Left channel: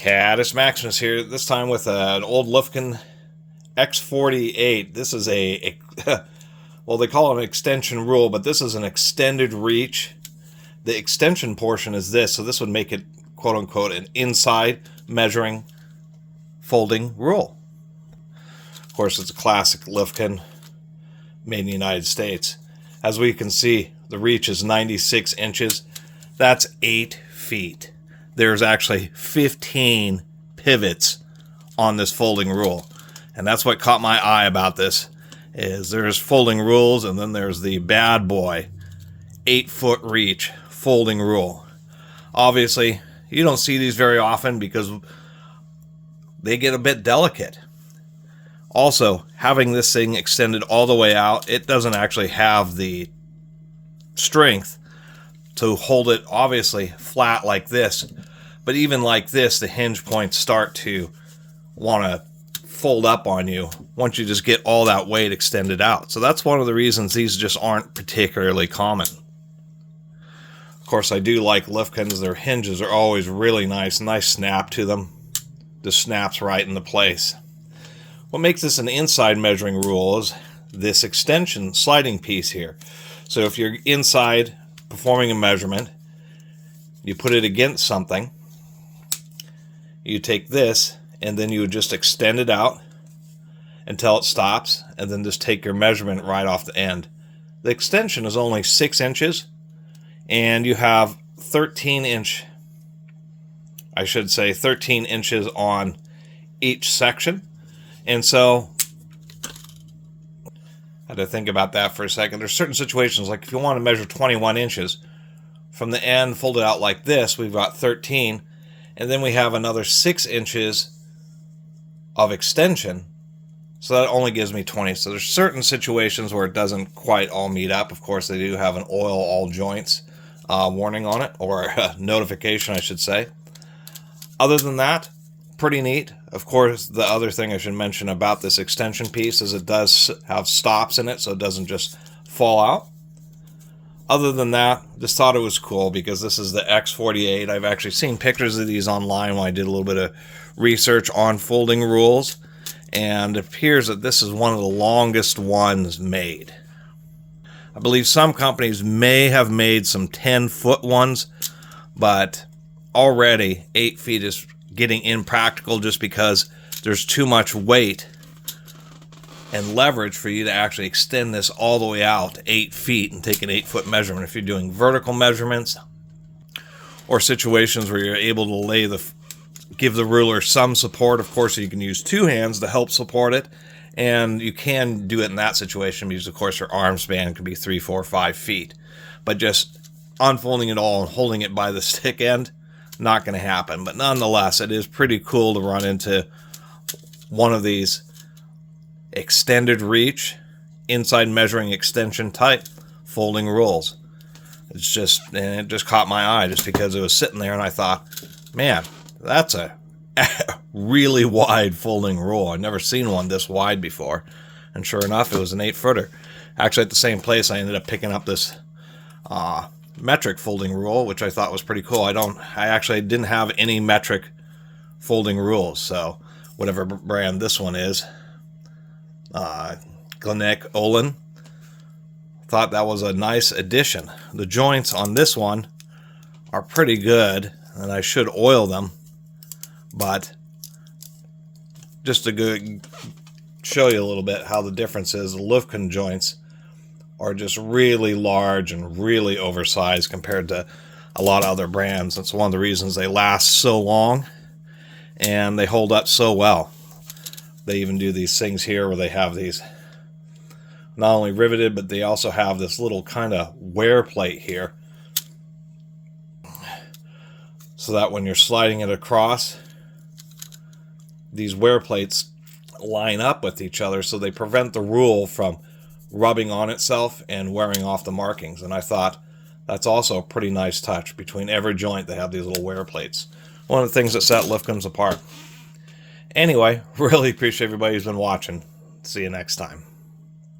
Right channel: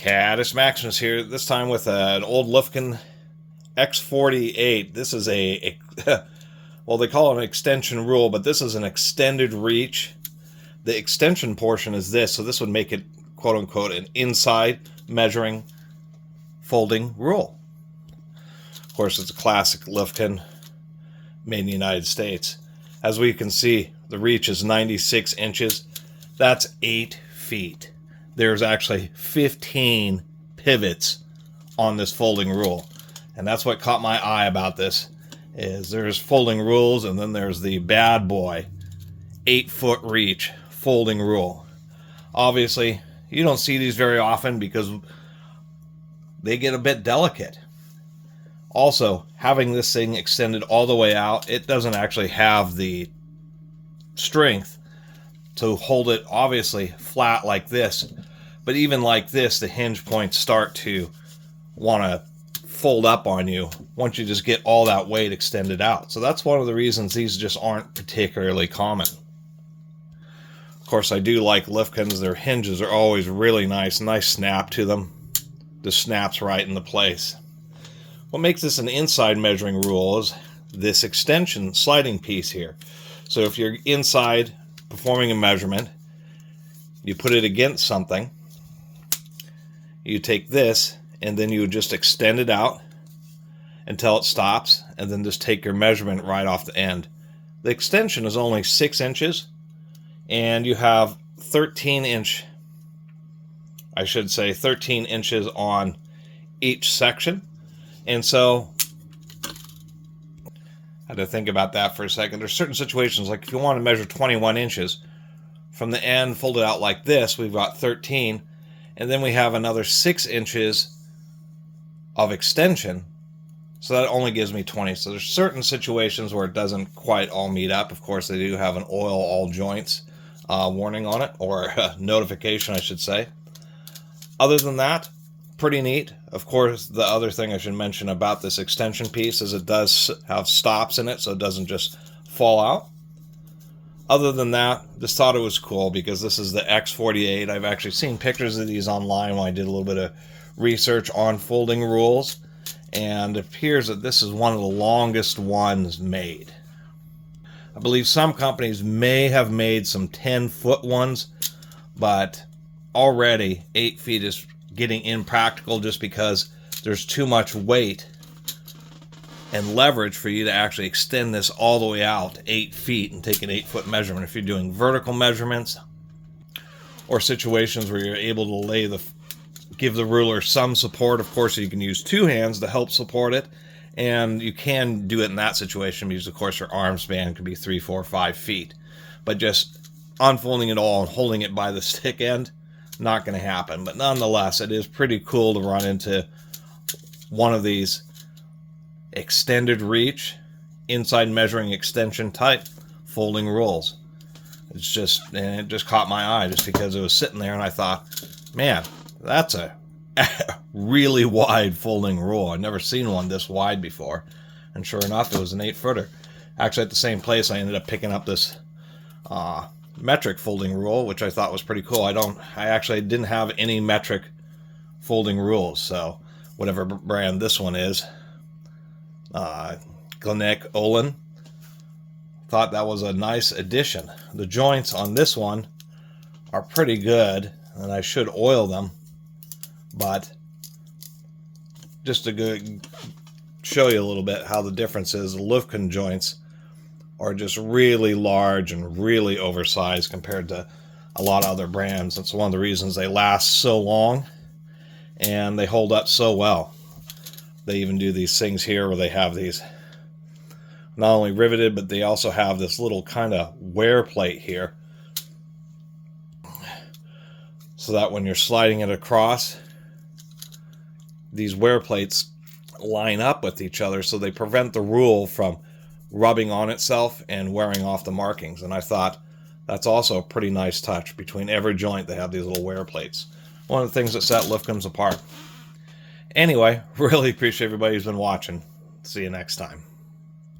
Catus Maximus here, this time with an old Lufkin X48. This is a well, they call it an extension rule, but this is an extended reach. The extension portion is this, so this would make it, quote-unquote, an inside measuring folding rule. Of course, it's a classic Lufkin, made in the United States. As we can see, the reach is 96 inches. That's 8 feet. There's actually 15 pivots on this folding rule. And that's what caught my eye about this, is there's folding rules, and then there's the bad boy 8-foot reach folding rule. Obviously, you don't see these very often because they get a bit delicate. Also, having this thing extended all the way out, it doesn't actually have the strength to hold it obviously flat like this. But even like this, the hinge points start to want to fold up on you once you just get all that weight extended out. So that's one of the reasons these just aren't particularly common. Of course, I do like Lufkins. Their hinges are always really nice snap to them. Just snaps right into place. What makes this an inside measuring rule is this extension sliding piece here. So if you're inside performing a measurement, you put it against something, you take this, and then you would just extend it out until it stops, and then just take your measurement right off the end. The extension is only 6 inches, and you have 13 inches on each section. And so, I had to think about that for a second. There's certain situations, like if you want to measure 21 inches, from the end folded out like this, we've got 13, and then we have another 6 inches of extension, so that only gives me 20. So there's certain situations where it doesn't quite all meet up. Of course, they do have an oil all joints warning on it, or notification, I should say. Other than that, pretty neat. Of course, the other thing I should mention about this extension piece is it does have stops in it, so it doesn't just fall out. Other than that, just thought it was cool because this is the X48. I've actually seen pictures of these online when I did a little bit of research on folding rules, and it appears that this is one of the longest ones made. I believe some companies may have made some 10-foot ones, but already 8 feet is getting impractical just because there's too much weight and leverage for you to actually extend this all the way out 8 feet and take an 8-foot measurement. If you're doing vertical measurements or situations where you're able to give the ruler some support, of course you can use 2 hands to help support it, and you can do it in that situation because of course your arm span could be 3, 4, 5 feet. But just unfolding it all and holding it by the stick end, not going to happen. But nonetheless, it is pretty cool to run into one of these extended reach, inside measuring extension type folding rules. It just caught my eye just because it was sitting there, and I thought, man, that's a really wide folding rule. I've never seen one this wide before. And sure enough, it was an 8-footer. Actually, at the same place, I ended up picking up this metric folding rule, which I thought was pretty cool. I actually didn't have any metric folding rules, so whatever brand this one is, Glenec Olin, thought that was a nice addition. The joints on this one are pretty good, and I should oil them, but just to show you a little bit how the difference is, the Lufkin joints are just really large and really oversized compared to a lot of other brands. That's one of the reasons they last so long and they hold up so well. They even do these things here where they have these not only riveted, but they also have this little kind of wear plate here, so that when you're sliding it across, these wear plates line up with each other, so they prevent the rule from rubbing on itself and wearing off the markings. And I thought that's also a pretty nice touch. Between every joint, they have these little wear plates. One of the things that set Lufkins apart. Anyway, really appreciate everybody who's been watching. See you next time.